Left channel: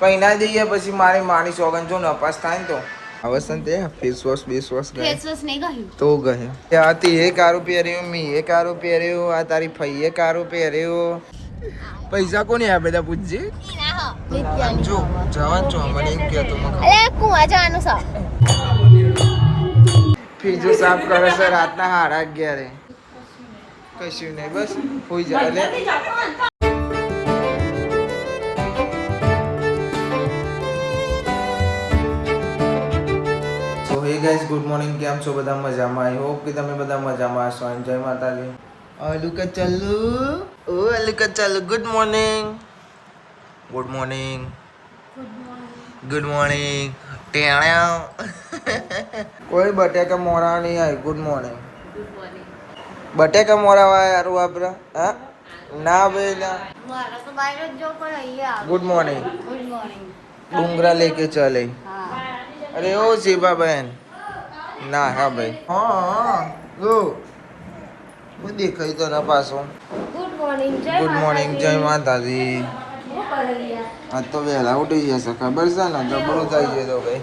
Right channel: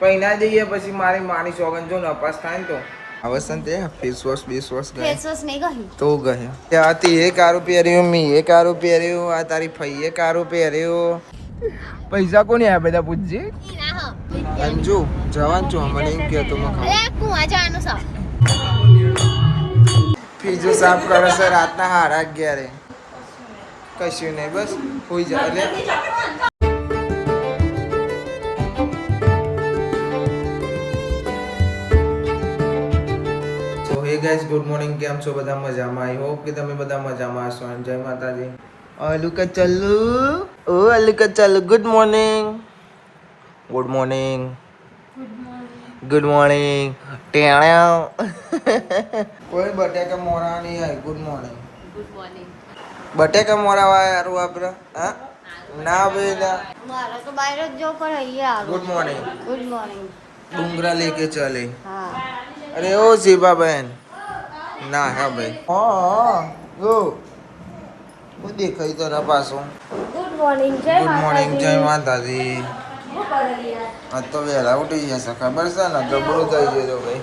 કઈ ના જઈએ પછી મારી માની સોગન જો નપાસ થાય ને તો આવસન તે ફેસ વોશ ગયે ફેસ વોશ નહીં ગઈ તો ગયે ત્યાંથી એ કારું પહેર્યું મી એ કારું પહેર્યું આ તારી ફઈએ કારું પહેર્યું પૈસા કોને આ બધા પૂછજે અંજુ જવાન છો મને એમ કહેતો અરે કુવા જવાનું છે ફીજો સાફ કરે છે રાતના 11:30 કશું નહીં બસ હોઈ જાય એટલે હે ગાઈસ ગુડ મોર્નિંગ કેમ છો બધા મજામાં આઈ હોપ કે તમે બધા મજામાં હશો જય માતાજી અલુકા ચાલુ ઓ અલુકા ચાલુ ગુડ મોર્નિંગ ટેણા કોઈ બટેકા મોરા નહીં આવી ગુડ મોર્નિંગ બટેકા મોરા વાય યારું આપડે હા ના બેટા મારા તો બહાર જ જો પણ અહીંયા ગુડ મોર્નિંગ ડુંગરા લેકે ચલે હા અરે ઓ શિવા બહેન ના હા ભાઈ હા ગો હું દેખાય તો ના પાછો ગુડ મોર્નિંગ જય માતાજી આ તો વહેલા ઉઠી જશે ખબર છે ને જબરું થઈ ગયું તો ભાઈ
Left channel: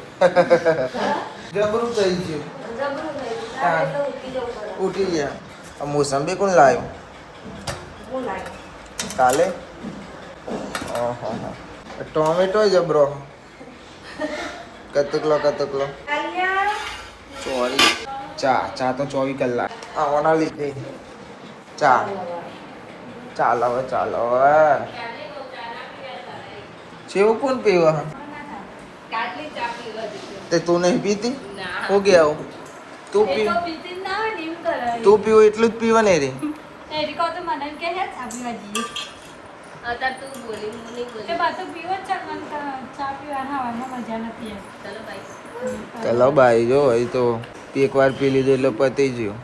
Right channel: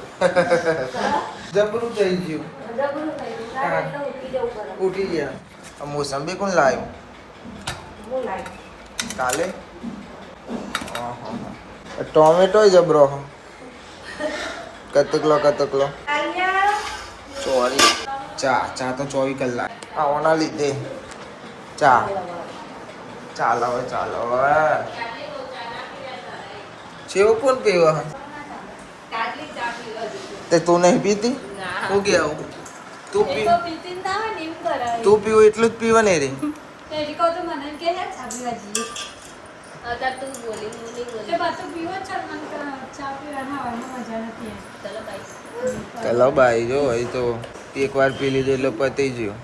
જબરું થઈ ગયું ઉઠી ગયા આ મોસંબી કોણ લાવ્યું કાલે ઓહો ટોમેટો જબરો કતકલો સોરી ચા તો 24 કલાક આવવાના લીધે ચાલો છેવું કોણ પીવા તે તું નહીં પીતી હું ગયા તું પીવું એટલું જ પીવા નહીં રે ચલો ભાઈ જો એ તો એક વાર પી લીધું એટલે પતી ગયું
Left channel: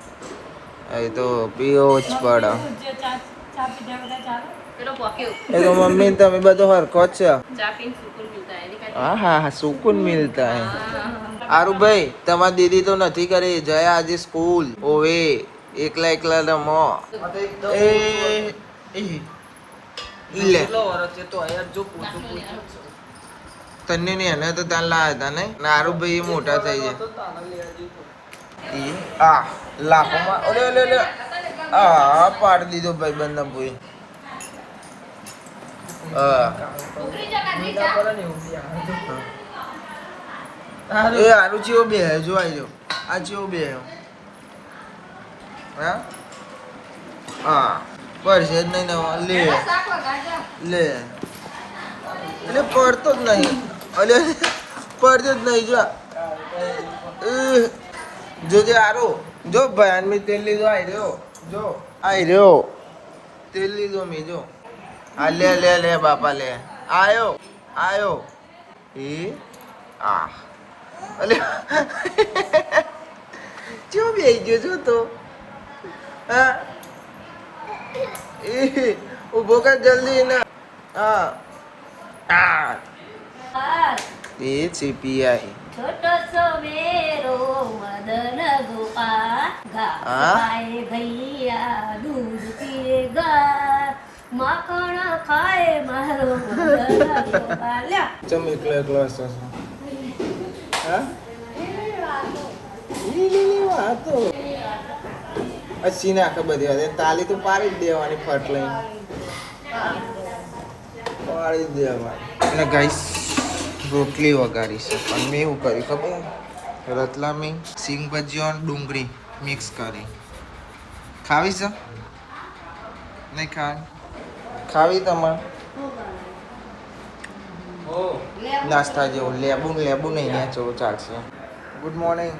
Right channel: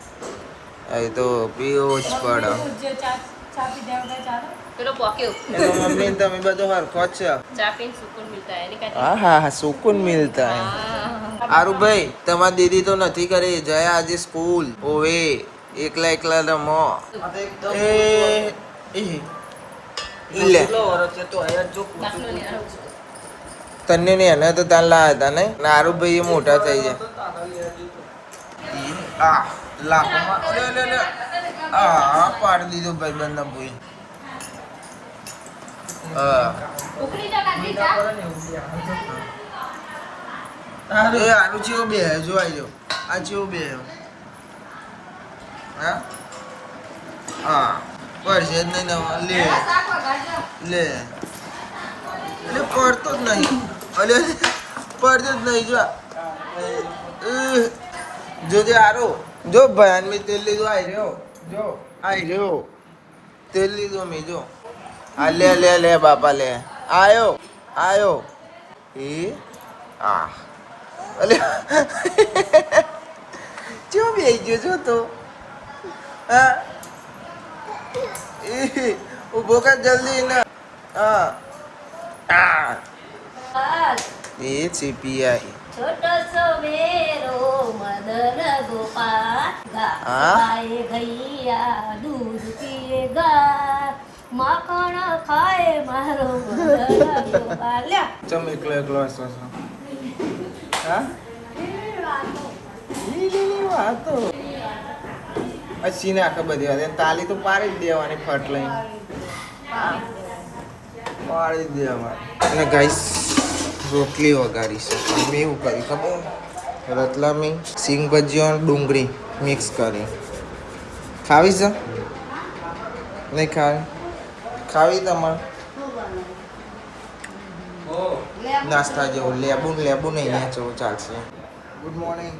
એ તો પીવો જ પડે એ તો મમ્મી તમે બધો હરખો જ છે હા સુકૂન મિલતા હે આરુ ભાઈ તમારી દીદી તો નથી કરી જયા આજે સ્કૂલ ઓવે એકલા રમો લે તને ને એને તો તાન લાયા હતા ને નારું ભાઈ મોટા થઈ જાય આ લાખોમાં અરે આ પાડી દીધો ભાઈ બંને ભાઈ એ આનું ચેવો બે જો આજો આ ચેવો બે હા પડશે જ નહીં લે એટલે પડતો જ નહીં પડતો જ નહીં જો આરો જો ભયાન મેં તેલ લીધો આઈ રહ્યો તેલ લીધો મેં જો આ લે બાપા લે આયો એ આ અલે જો બેહી ગયો જો તો હા ઉભો કર જલ્દી ના એ સીપીઆઈ छोटो सो मेरो मदन गोपाल गाय भैया दूध पिएगा माखण खाए मारो मदन गोपाल ચમ એકલો હસો હા વાતો અસી ને આખા બધી વાત તાલી તો પાડી જ દેવાની ફટ લઈને પાડી જ દેવાની અને ગાઈસ રોટલી વગાડી છે પણ મેં એવું કર્યું ખબર રતલામી સિંગ ભજીયો અને ડુંગળી મિક્સ કરી ખાવી છે નહીં ખાવી તમારે નાસ્તા જેવું લેબુ નહીં નેચો ચાલશે ગુડ મોર્નિંગ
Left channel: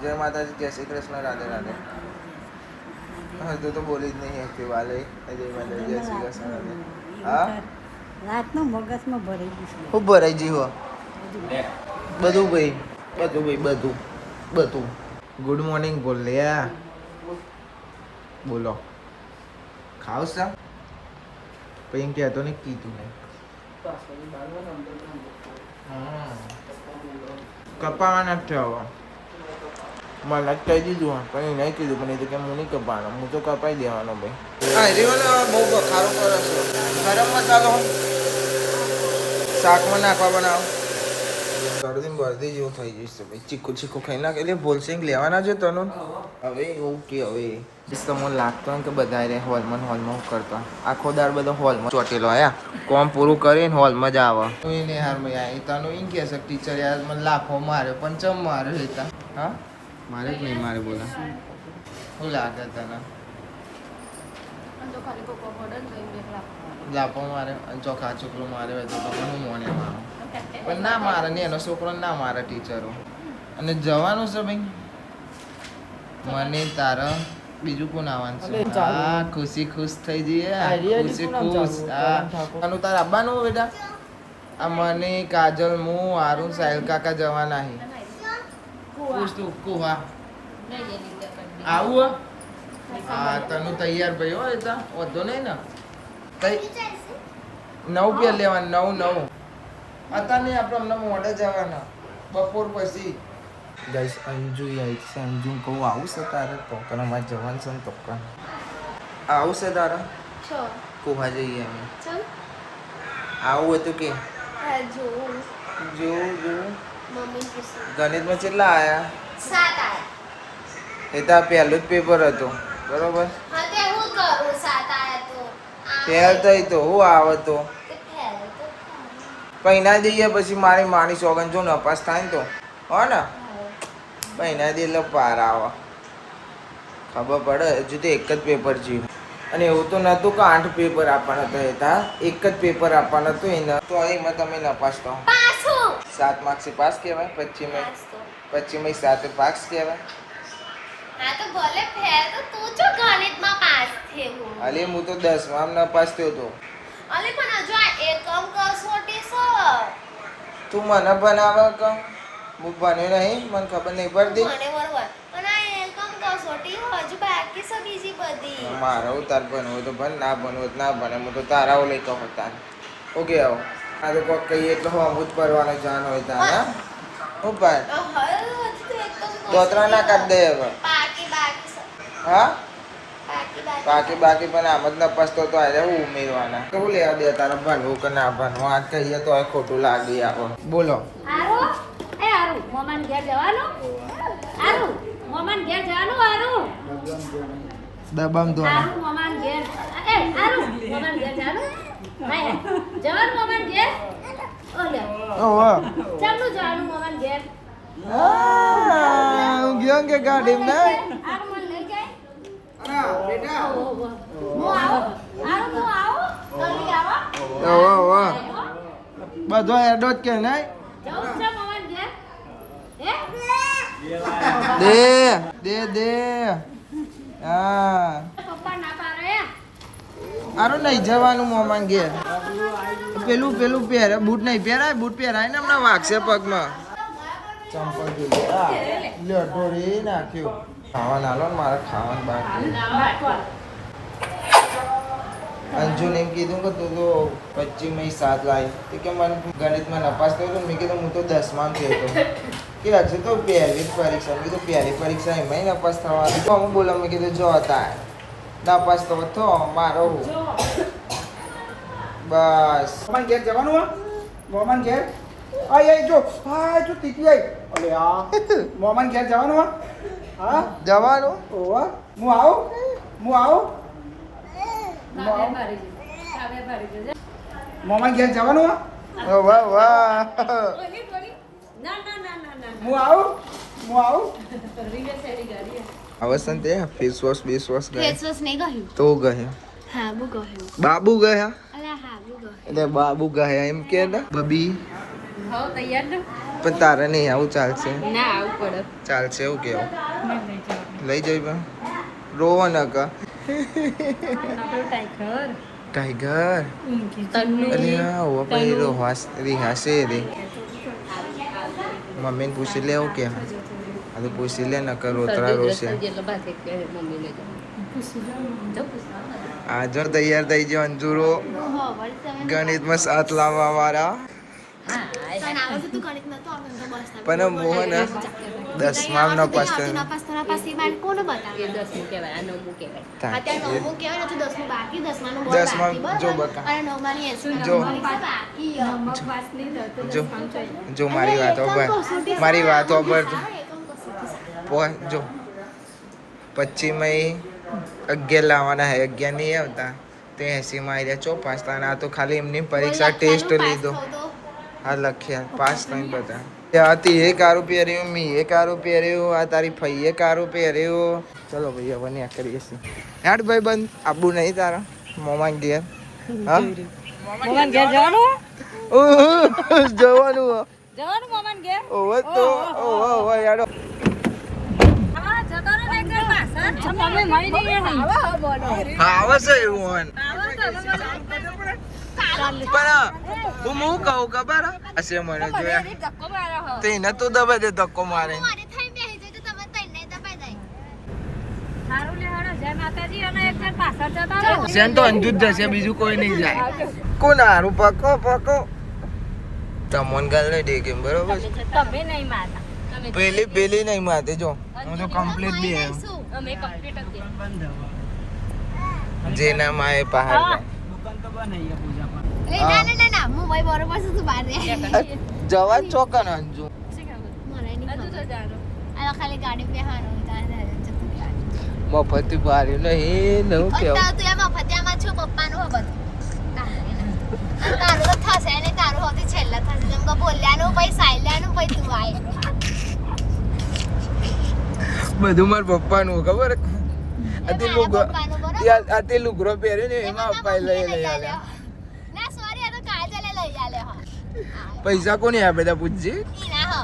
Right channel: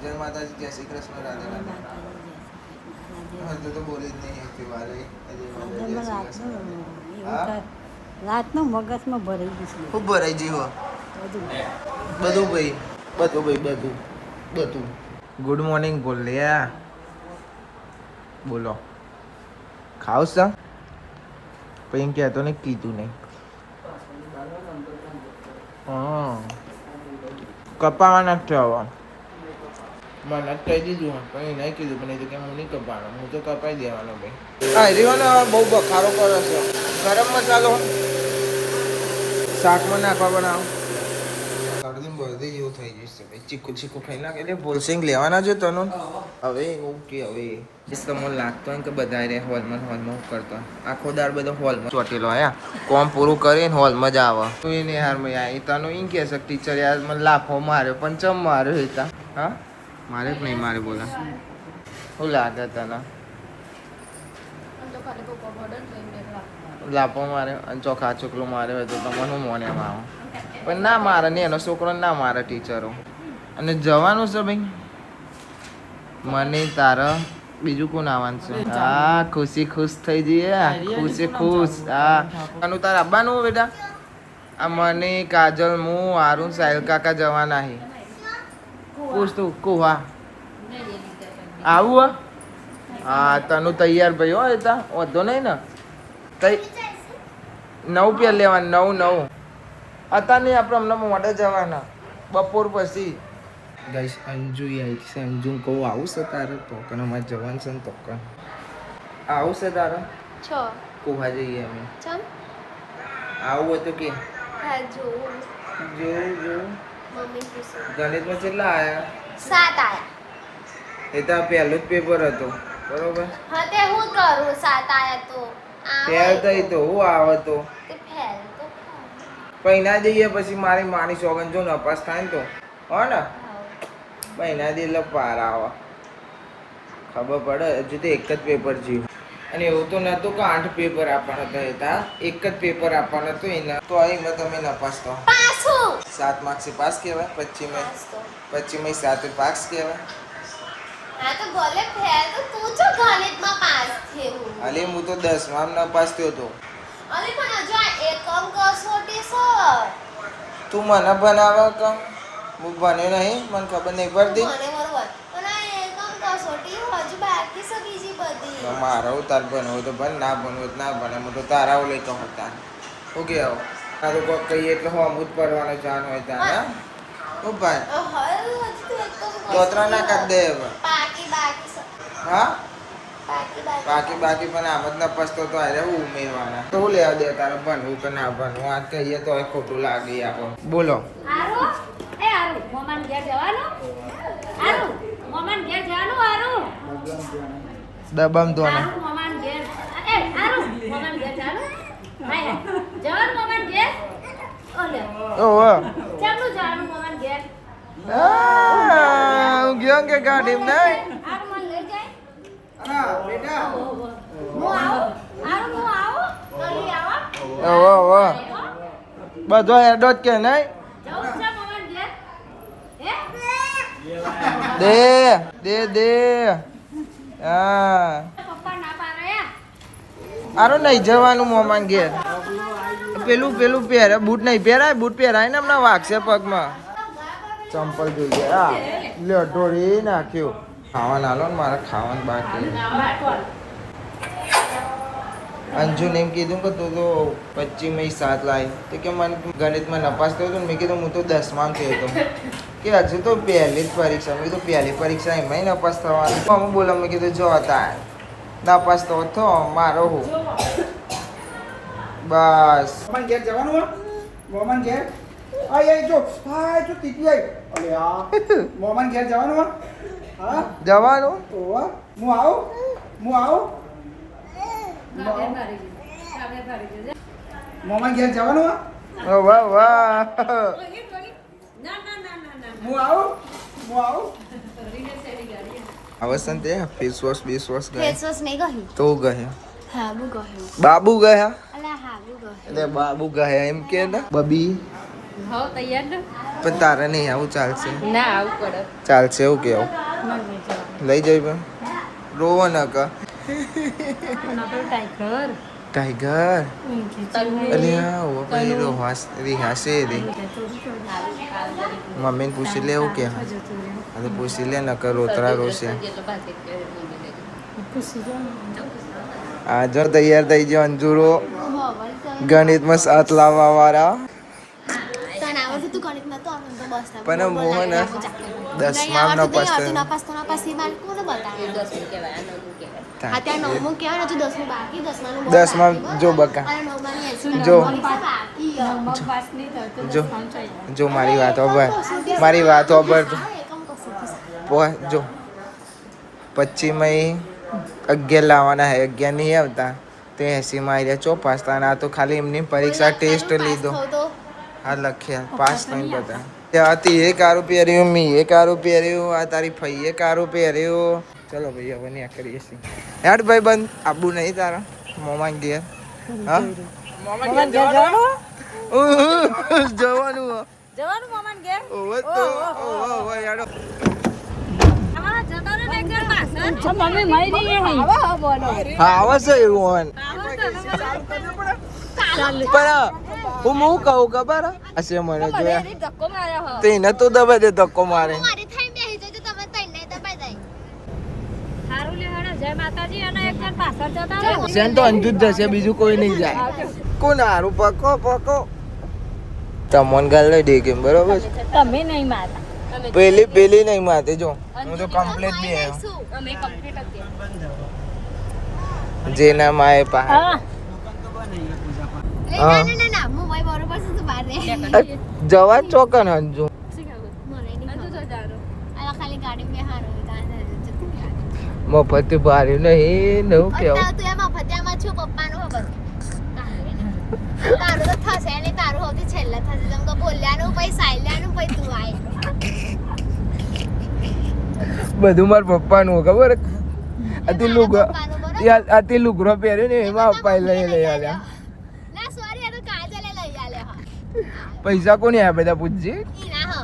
જય માતાજી જય શ્રી કૃષ્ણ રાધે રાધે તો બોલી જ નહીં વાલે જય માતાજી જય શ્રી કૃષ્ણ હા રાતનો મગજમાં ભરાઈ ગયું ખૂબ ભરાઈ ગયું બધું ગુડ મોર્નિંગ બોલ્યા બોલો ખાવ છે પછી એમ કહેતો ને કીધું નહીં કપાવા નથી આવવા મને કહી દીધું કંઈ નહીં કીધું પણ એ તો કેમ હું નહીં કપાવાનો હું તો કપાઈ દેવાનો ભાઈ હા રીવાનો બહુ બખારો કરે છે ગરમ મસાલો શાકમાં નાખવા બનાવો. શરદી બરદી જેવું થઈ જશે ભાઈ. ચીકુ ચીકુ ખાઈ નાખ એટલે બોલશે લેવાના છે તનો. હવે એવું કે હવે તમને લાગતો હોય કે બધા રે હોલમાં કરતો આખો દાર બધો હોલમાં ચોટેલો આયા કોમ પૂરું કરીને હોલમાં જ આવે તો એને હાર મેં આવી તનો એમ કે છે ટીચર યાર મને લાફો માર્યો પણ ચમ માર્યો હેતા હા મારે જ નહીં મારે બોલા શું લાગે તને લાફો મારે અને ચોખા છોકરો મારે હોય તો તમને શું મોને આવો પણ ના મારે ને એનો છોકરો ના મારે ટીચરો અને જવાનું છે ભાઈ મને તારા બીજું કોણ આવવાનું છે હા ખુશી ખુશ થઈ જઈએ ખુશી ખુશ હા આનું તાર આવવાનું બેટા આ મને કાજલ હું આરું સાહિલ કાકા જવાના હે ખુશ તું કુવા આવું હા તનું તૈયાર ભાઈ હો એતા વધો નહીં ને નવ પેર લેવાનું નવ અત્યારે નહીં આપણે અમને મોડે જવાના બપોર પછી ગાઈસ અંજુ આવી છે અંજુ કહું આવું છે તારે પોકણ અમારે જવાનું છે ને પોકણ આવું છે તારે કોવા જઈએ અમે આવું હોય તો કે જો ગણિતમાં કેટલા આયા 7 આયા એ તો પહેલું જ પેપર હતું બરોબર હા તે હું કરું 7 આયા તો ફેલ થઈ તો હું આવે તો પૈના દઈએ પછી મારી માની સોગન જો નપાસ થાય ને તો હો ને પૈના દે એટલે પાર આવે ખબર પડે હજુ તો એક જ પેપર જીવ અને એવું તો નહોતું કે 8 પેપર આપવાના હતા એક જ પેપર આપવાના હતું એને તો એમાં તમે નપાસ થો 7 માર્ક્સથી પાસ કહેવાય 25 7 પાસ કહેવાય હા તો ભલે ફેલ તો તું જો ગણિતમાં પાસ થયો અલે હું તો 10માં નપાસ થયો તો અલે પણ હજુ આ એકમ કસોટી છે તું મને બનાવે કે હું ભણ્યો નહીં મને ખબર નહીં પડતી મને બરોબર પણ આ એકમ કસોટી હજુ બાકી છે બીજી બધી મારો તાર ભણવું તો ભણ ના ભણવું ના ભણે હું તો તારાઓ લઈ કહું તાર ઓકે આવો આ તો કોક કહીએ એટલે હું અમૃત પરવાનો જાન હોય તારા ઓ ભાઈ દોતરા ના કાઢ દે હવે હા બાકી પણ આમ જ નપાસ તો આજે હું ઉમેરવાના તો હું લેવા દે તારે ભણવું કે ના ભણવું આજ કહીએ તો ખોટું લાગી આપો બોલો મોમાન ઘેર જવાનું દબામ દો મોમાન ઘેર મોમાન ઘેર જવાનું જવાનું મોમાન ઘેર ઓહો ચાલુ જવાનું મોમાન ઘેર હું ગયો કે ગાડી નહીં બધો એડો જ કે નહીં દે હા આરો નહીં જવાનું મોમાન ઘેર પેલું પહેરે બૂટ નહીં પહેરાય બૂટ પહેરાય ને હમણાં વાગશે પગમાં ચંપલ જોઈએ હા લે ઢોળી નાખ્યું ખાવાનું આલો ને મારે ખાવાનું બાકી અંજુને એમ કીધું કે તું તો 25 7 લાવી તો કે મને ગણિતમાં નપાસ થયો તો મેં કીધું હું તો 10માં થયો હતો કે હજુ તો પહેલી જ પરીક્ષા મેં કીધું પહેલી પરીક્ષા એમાં નપાસ થવાની તો હું બોલા મેં કીધું જો હતા નપાસ તો થો મારો હું બસ મોમાન ઘેર જવાનું હો મોમાન ઘેર આય જો તીકી આય અલે આ મોમાન ઘેર જવાનું હો હા જવાનું ઓવા હું આવું મોમાન ઘેર જવાનું હો વાહ વાહ હું આવું અવસન તે ફેસ વોશ ગયા ફેસ વોશ નહીં ગયું તો ગયા હા બુ ગયું બાબુ ગયા અલા હા બુ ગયું એટલે બાબુ ગયા એમ કે ને બબી હો તૈયાર ને પણ તારે નહીં આવું ચાલશે ના આવું પડે ચાલશે એવું કેવું લઈ જઈ પણ રોવો ન કા ટાઈગર અલે હા ઓ ભાઈ રિહાસે રે મમ્મીને પૂછી લે એવું કે હા તો પૂછી લે ન કર રોતરા રોશે આજે તૈયાર થઈ ગયો અંજુરો ગણિતમાં 7 લાવવા વાળા આવડતું તું ગણિત નતું આવડતું તો બસ ના પણ મોહન 10માં નો પાસ થયો. ના પાસ થના પાસ એ બાર કોને બતાવે એ 10 કહેવાય આ 9 કહેવાય. અત્યારે 9મું કહેવાય ને તો 10મું બાકી 10માં નું 10માં જો બકા. અને 9માં ની 80 જો. બાકી જો જો મારી વાત ઓબર મારી વાત ઓબર તો જો 25 માં 11 લાવવાના હે 11 નહીં આવતા તે 80 માં આવી ચો પાસ થવાના તો ખાલી એમની પરીક્ષા ટેસ્ટ લીધો હા લખ્યા પાસ નહીં બધા ત્યાંથી એ કારું પહેર્યું મી એ કારું પહેર્યું આ તારી ફઈએ કારું પહેર્યું ચલો ભાઈ હવે ત્યાં કરીએ છીએ હેડ ભાઈ બંધ આબુ નહીં તારા મોમાન ઘેર હા મોમાન ઘેર જવાનું જવાનું જવાનું મોમાન ઘેર ઓવે તો ઓવે યાડો તમારા જતાનો ને ઘેર પાછળ મમ્મી મળી નહીં આવો બોલો હા આવે છે એવું પણ હું કહું ખબર હશે મને જોયા ધક્કો માર્યો હો તેને તો દબાઈ દે ધક્કો મારે મારી થઈ બેહી તો તમે તઈને દબાઈ દઈ સારું લે હડો જય માતાજી અને એક ઘેર પાછળ જતા રહો સેન તો અંજુ જ જશે બીજું કોઈ નહીં જાય કોણ હારું પકો પકો તમોન ગાલ લઈ દે કેમ બરોબર છે? તમે નહીં માતા પેલી નહીં માતે જો હું તો કમ્પ્લીટ બી આવ્યો અમે કમ્પ્લીટ હતી જેના માએ પહાડ એ ના ના ના ના હું ભાઈ બરોબર છે તું બહાર રે જવા ચોકન અંજુ મને નહીં ખબર આ ખાલી ગાડી બેહાનો દાદા જતું ગયા મફત ભારે નહીં નવું કેવું અત્યારે તું એમાં ફત્યામાં છું પપ્પાનું હો બધું તારું તો થશે ને તારું હોતી છેલ્લા થશે જેમ કે બોલ્યાનું પછી સાયલાનું પછી તું આય બધું માર પપ્પાનું ખબર મારા પપ્પાનું બરોબર આથી લુગડો પહેર્યો ને એમાં પપ્પા લઈ લઈ આવ્યા ના સોરી આ તો કાજલે લઈ આલે હા પૈસા કોને આ બધા પૂછજે ઈ ના હો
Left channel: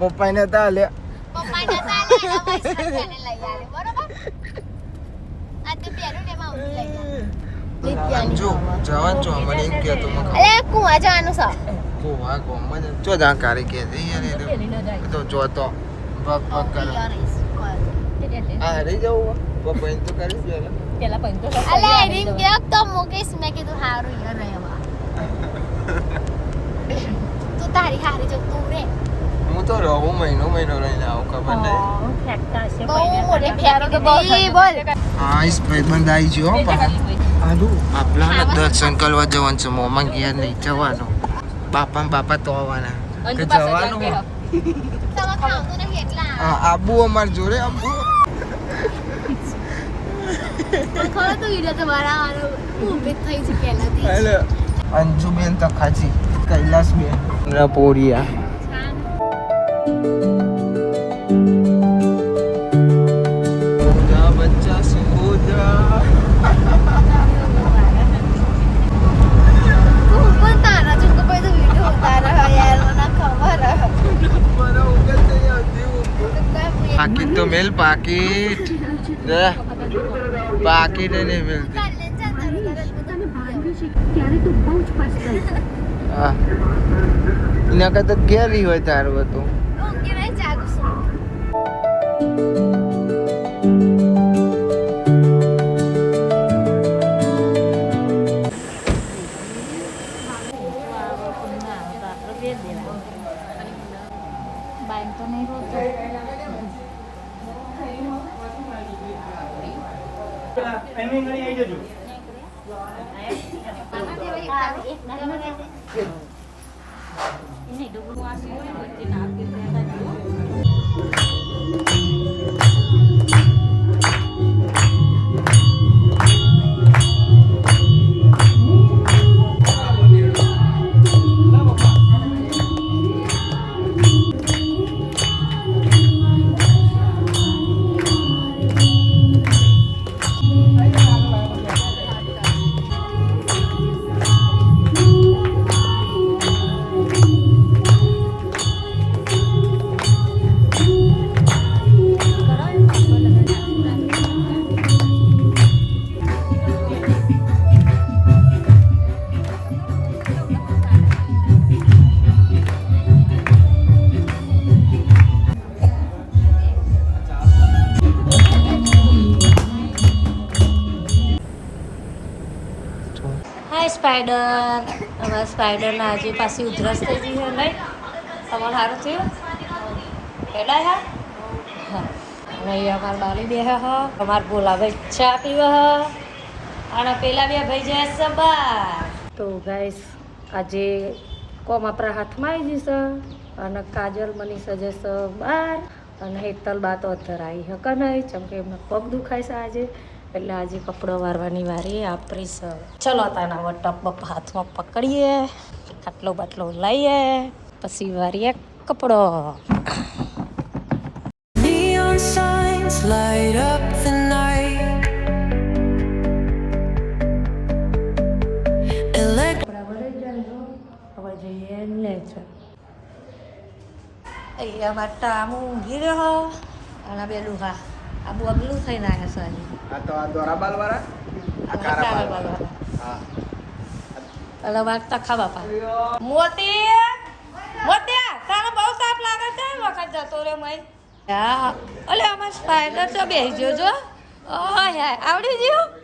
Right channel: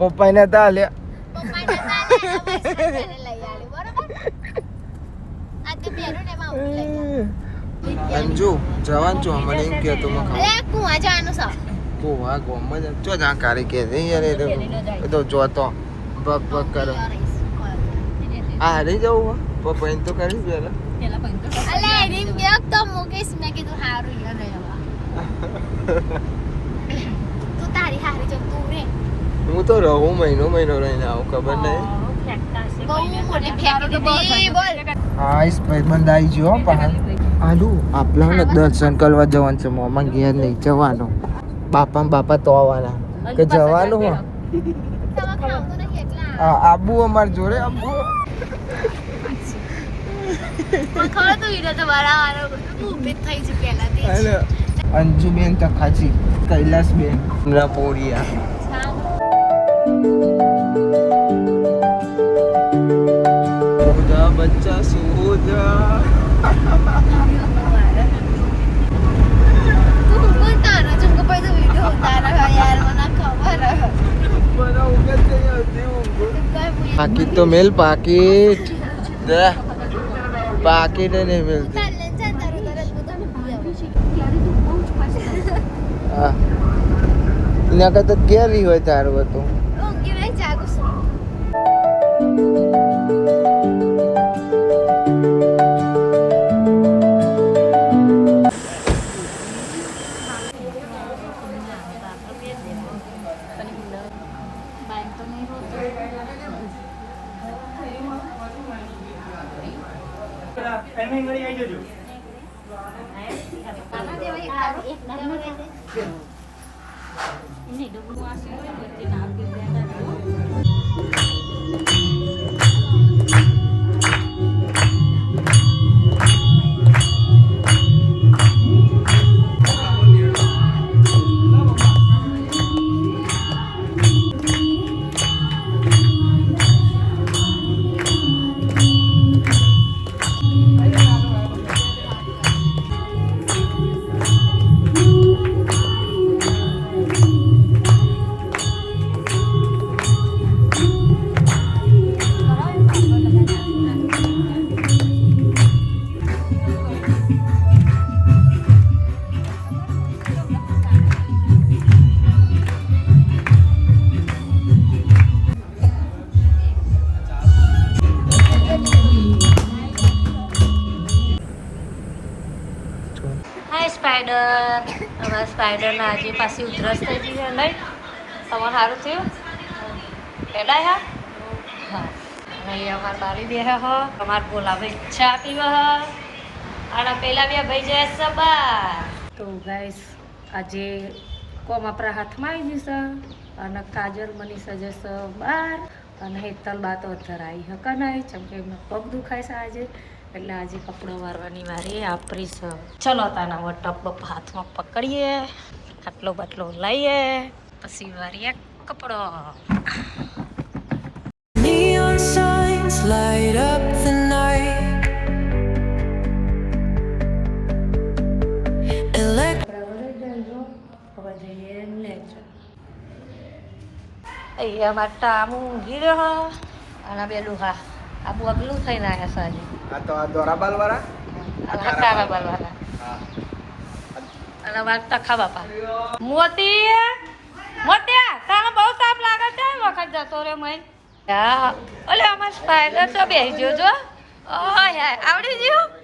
પપ્પા ને તા લ્યા પપ્પા ના તાલે એના પૈસા કાજલે લઈ આલે બરોબર આ તે પહેર્યું ને એમાં હું લઈ આલે અંજુ જવાન છો મને એમ કહેતો અરે કુવા જવાનું છે ગોવા ગોમાં જો જા કારી કે છે યાર એ તો જોતો બક બક કરે આ રહી જવું પપ્પા એમ તો કરી પેલા પેલા પંતો અલે રીમ ગયો તો મુકેશ મેં કીધું હારું યાર નહીં તું તારી હારી જો તું રે હું તો રહું મહિનો લઈને આવું ખબર નહીં બહુ મોટી ફેંકી દીધી બોલ હા ઇસ ભાઈબંધ આવી ગયો આપણા દર્શન કરવા જવાનું છે મોમાં ઘેર નહીં જવાનું બાપા તો આવવાના કે જવાનું તમે ખાવતું ને કેટલા આબુ અમાર જોડે ખબર તો વિડિયો તો મારા વાળો ઊભી જ થઈ છે પહેલાથી અંજુબેન તો ખાજી કૈલાસબેન ના પોરિયા બચ્ચા સુધરા તું પણ તારા જંગ પર તો વિડિયો ઉતારા યાર મને ખબર પાકીટ તો મેલ પાકીટ પાકીટ નહીં મિલતી હા એના કરતા ઘેરી હોય તારું હતું હાય સ્પાઈડર હવે સ્પાઈડરના આજે પાછી ઉધરસ થઈ ગઈ છે નહીં તમારે સારું થયું પેડાય હા અને અહીંયા અમારે બાલી બે હ અમારે બોલાભાઈ ચા પીવા હ અને પેલા બે ભાઈ જાય છે બાર તો ગાઈસ આજે કોમ આપણા હાથમાં આવી જશે અને કાજલ મનીષા જશે બાર અને હેતલ બા તો ધરાઈ હક નહીં ચમકે એમને પગ દુખાય છે આજે એટલે આજે કપડો વારવાની વારી આપણી છે ચલો તાના હવે ટપ બપ હાથમાં પકડીએ ખાટલો બાટલો લઈએ પછી વારીએ કપડો Neon signs light up the night. કપડા ભરાઈ જાય હવે જઈએ લેજો અહીંયા મારે ટામું ઊંઘી રહ્યો અને બે ડુહા આ બગલું થઈને આવ્યા છે આજે આ તો આ દોરા બાલવાળા કાળા બાલવાળા હા અને મારે તખા બાપા મોતી મોત્યા તારે બહુ તાપ લાગે છે વખત જતો રે મય હા અલે આમાં સ્પાઈડર તો બેસી ગયો જો હાય આવડી ગયું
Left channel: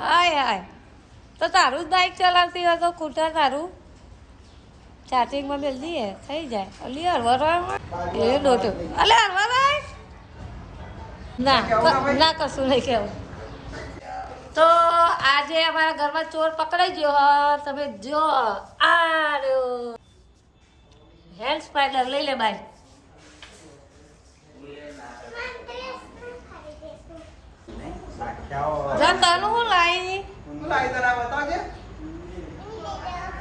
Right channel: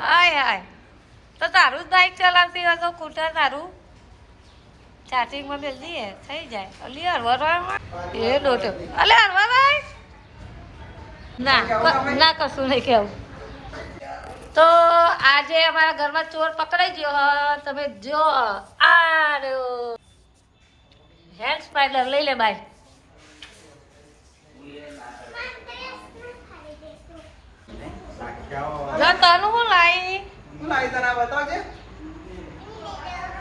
હાય તો તારું જ બાઇક ચલાવતી હોય તો કૂટર તારું ચાર્જિંગમાં બેલ દઈએ થઈ જાય અલી હરવા એ દોટો અલે હરવા ભાઈ ના કશું નહીં કેવું તો આજે અમારા ઘરમાં ચોર પકડાઈ ગયો હ તમે જો આ રહ્યો હેન્ડ સ્પાઈડર લઈ લે બાય જો તનું હું લાવી શું લાવી તારા બતાવજે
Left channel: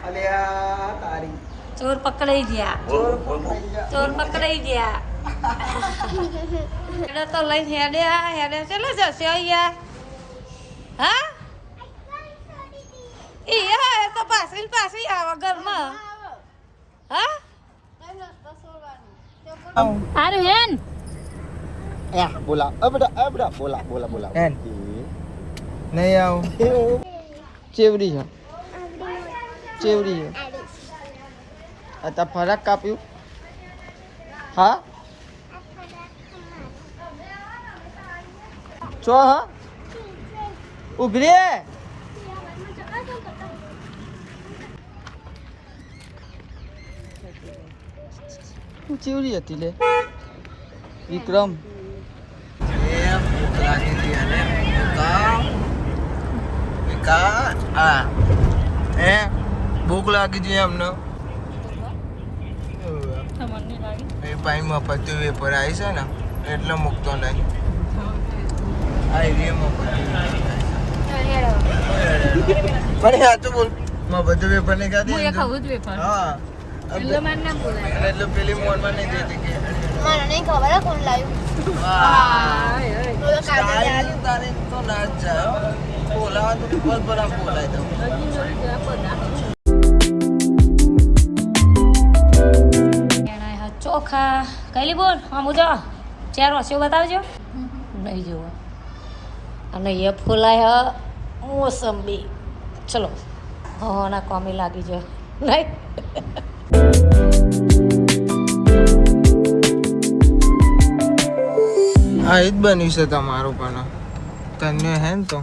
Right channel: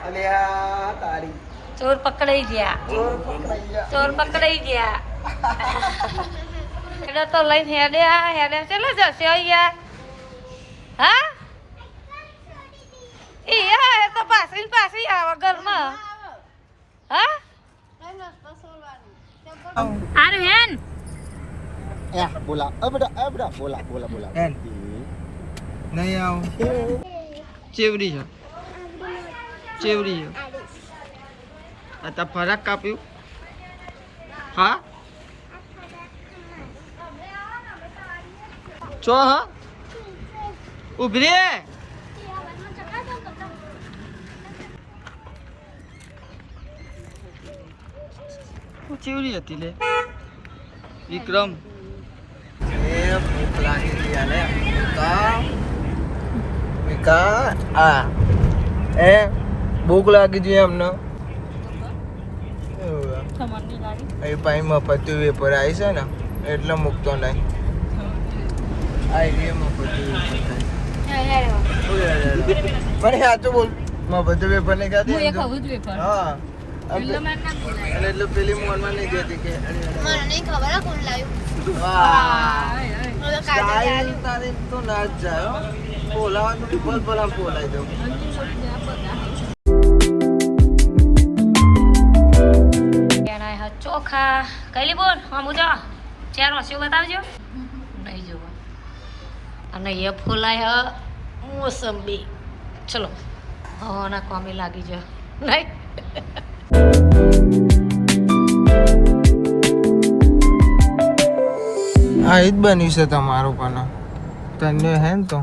અલ્યા તારી ચોર પકડાઈ ગયા ચોર પકડાઈ ગયા ચોર પકડાઈ ગયા એટલે તો લઈને હેડે ચલો જશે અહીંયા હા એ તો પાછી આવે ઘરમાં હા આરું હેન બોલા બોલા એન નહીં આવું ચેવડી છે ચેવડી છે આ તા ફરાક કાપ્યું હા ચો હા ઉભી રે ચેવડી હતી લે વિક્રમ ભૂખ લાગી ગઈ અને ભૂખ લાગી ગઈ એમને એ પાણી મફતી વેપર આવી છે ને એટલે મૂકતો નહીં આવી પણ આ તો બોલ મફતી વેપર નહીં ખાતી હા એટલે પેલી મોનમાં નહીં દેતી કે મને નહીં ખબર કોણ લાવ્યું તારી તો ના જ જાય બોલાવા તો બોલા બોલાય દઉં ચોખા કઈલી બોલ હા મુજો ચાર વસ્તુ બતાવજો નહીં જોવા અને એ ફૂલાય મોસંબી ચલો ના કોમી લાગી જાઓ નહીં આ જ બન્યું છે તમારું પણ તને હે ને તો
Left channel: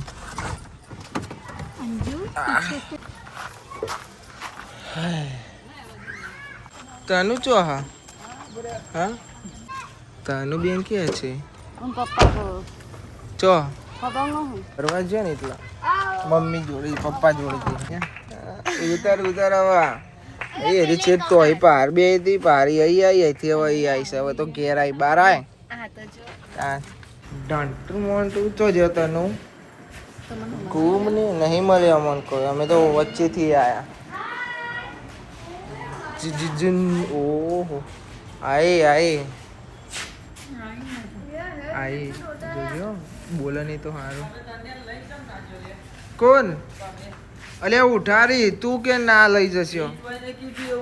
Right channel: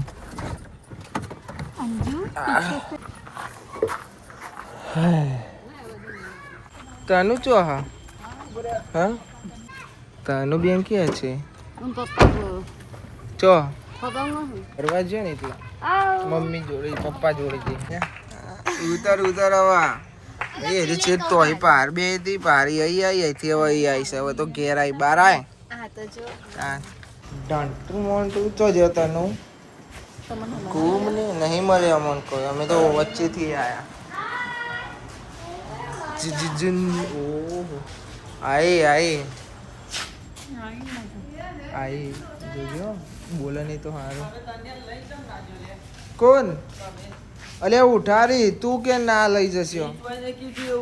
તનુ ચો હા હા તનુ બેન ક્યાં છે ચો ફરવા છે ને એટલા મમ્મી જોડે પપ્પા જોડે છે ઉતાર હવા એ છે તોય પાર બે હતી પારી અહીં આવી અહીંથી હવે અહીં આવી છે હવે તો ઘેર આવી બાર આય ડાંટું મોન્ટું તો જતો નું ઘૂમ ને નહીં મળે અમન કોઈ અમે તો વચ્ચેથી આયા ઓહો આઈ જોજો બોલે નહીં તો સારું કોણ અલ્યા ઉઠારી તું કે ના લઈ જશો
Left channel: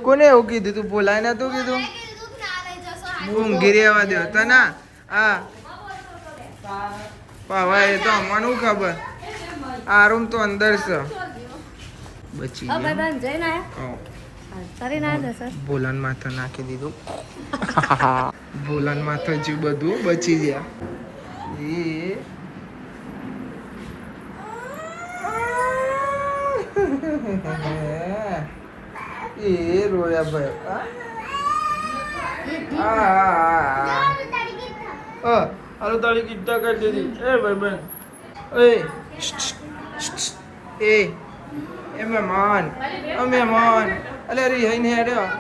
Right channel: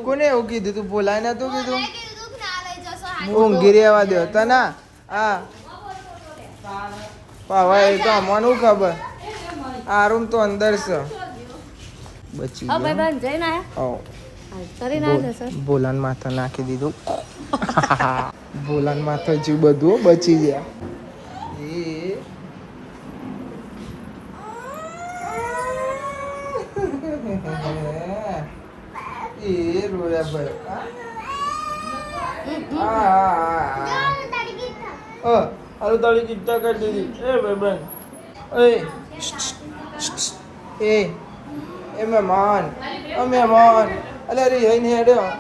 કોને એવું કીધું તું બોલાય ને તું કીધું ઊંઘી રહેવા દો તના આ પાવા એ તો અમને ખબર આ રૂમ તો અંદર છે બચી બોલાન માથે નાખી દીધું બોલાન માથે જીવ બધું બચી ગયા એ રોયા ભાઈ હાલો તાળી કીધા કરી દીધી એ ભાઈ બહેન એ મહેમાન અલે અરે હઈને હેડ્યો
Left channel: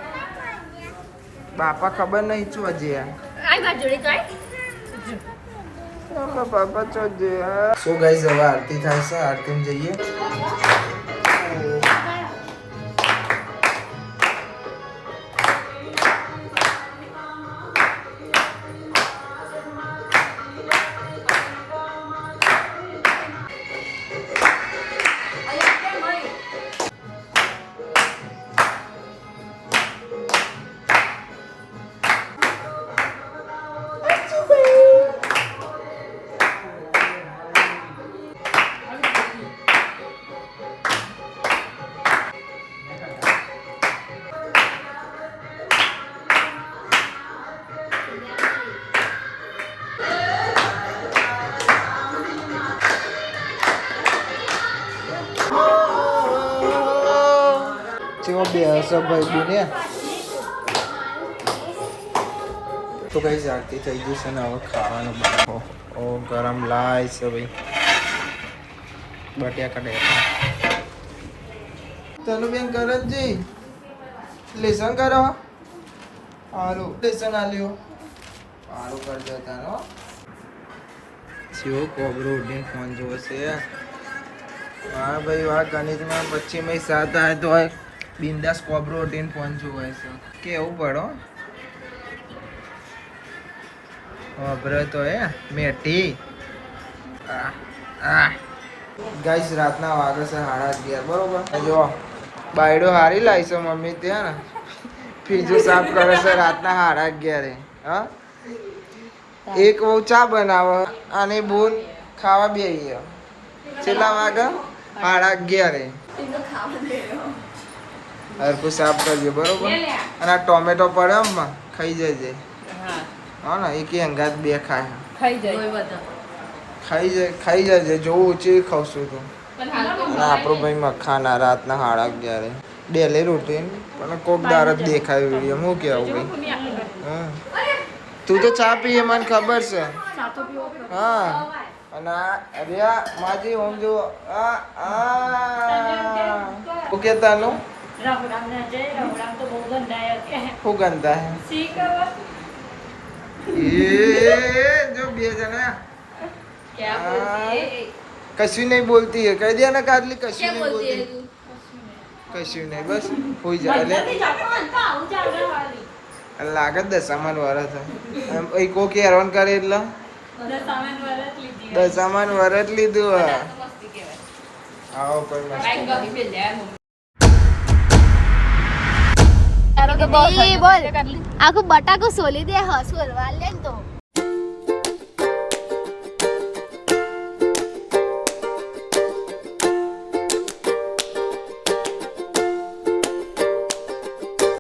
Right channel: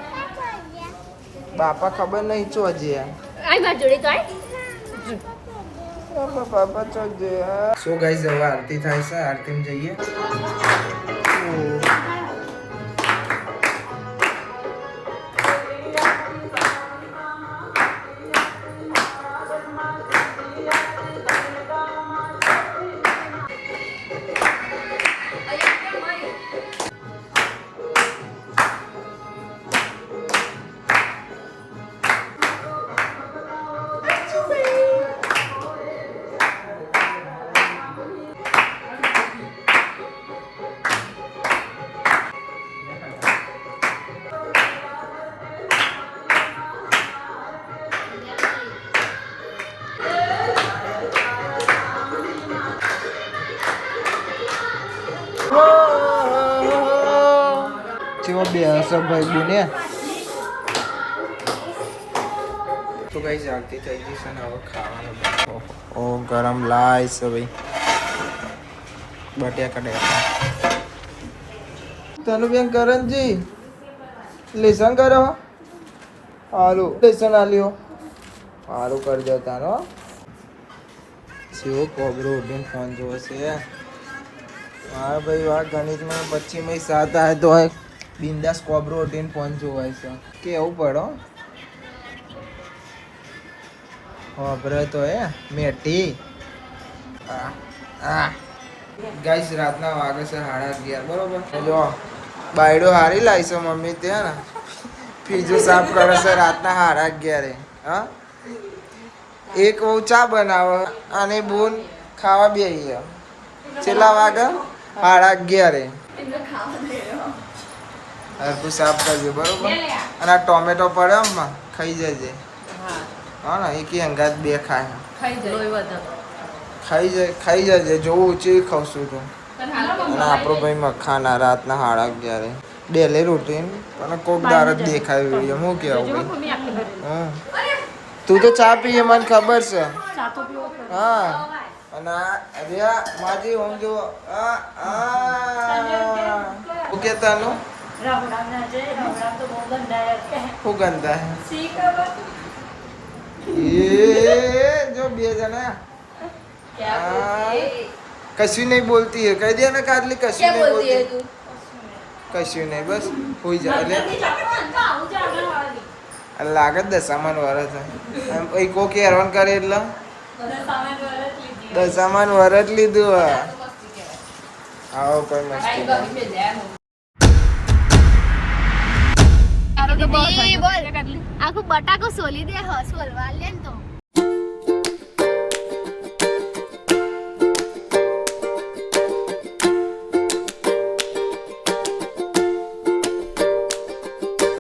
બાપા ખબર નહીં છો હજી બાપા ચો સો ગાઈસ હવે આરતી થાય છે આરતી જઈએ તેમાં બે હશે ભાઈ બુને તો કઈ આરતી થઈ ગઈ છે ને હવે ખાવાનું ઓ ગરમ લાય છે ભાઈ બટેકા ડેકા તનુ બેન કરણજી લેસન કરો હારું લેસન આલ્યો હારું કરજો તારો શિવો કોબરો ઉડીને ફોન જોવે છે હા ભાઈ વાહ ગણિતમાં 25 7 આવે તો બિંદાસ કોબરો ઉડીને ફોન જોવાય છે કેવું પડો ખબર તો મેઠી ગાઈસ રાતના વાગે છે 11:30 બરોબર જો બાયડો હારી લાવી છે મમ્મી ત્યાં ને ફ્રીજો સાફ કરે છે રાતના 11:30 હા એક બહુ ચા બનાવે અને બૂન ખાવા બેસી છેલ્લા વાગે 11:30 હરકું સાફ કરજો બરોબર અને આ ટોમેટો પડે એમાં ખાઈ જજે હા ને એક અંગાત બે ખાય ખાઈ જજે જોવું ઓછી ખાવશું તું અને આપણો ભાઈ મખાના રાતના 11:30 ડેલી રૂટીન પણ કોક દાર જ દેખાય વિડીયો હું કેવું ભાઈ હા તું તો ચા પીએ મને ખબર છે હા અને અરે માજી ઓમ જો ઓકે તાનું શું ગંદા હે ये जो बे जना कશું नहीं बोलती है कह दिया ना काटली कશું नहीं बोलती कશું नहीं बस होई जा એટલે લાગત દશામાન વરસ એ કો કે હેરાન કરે એટલે દશામાન વરસ લીધું આવો કોઈ મસ્તી બોલ આખું બટાકું સોલી દે સોલવા લે ને તો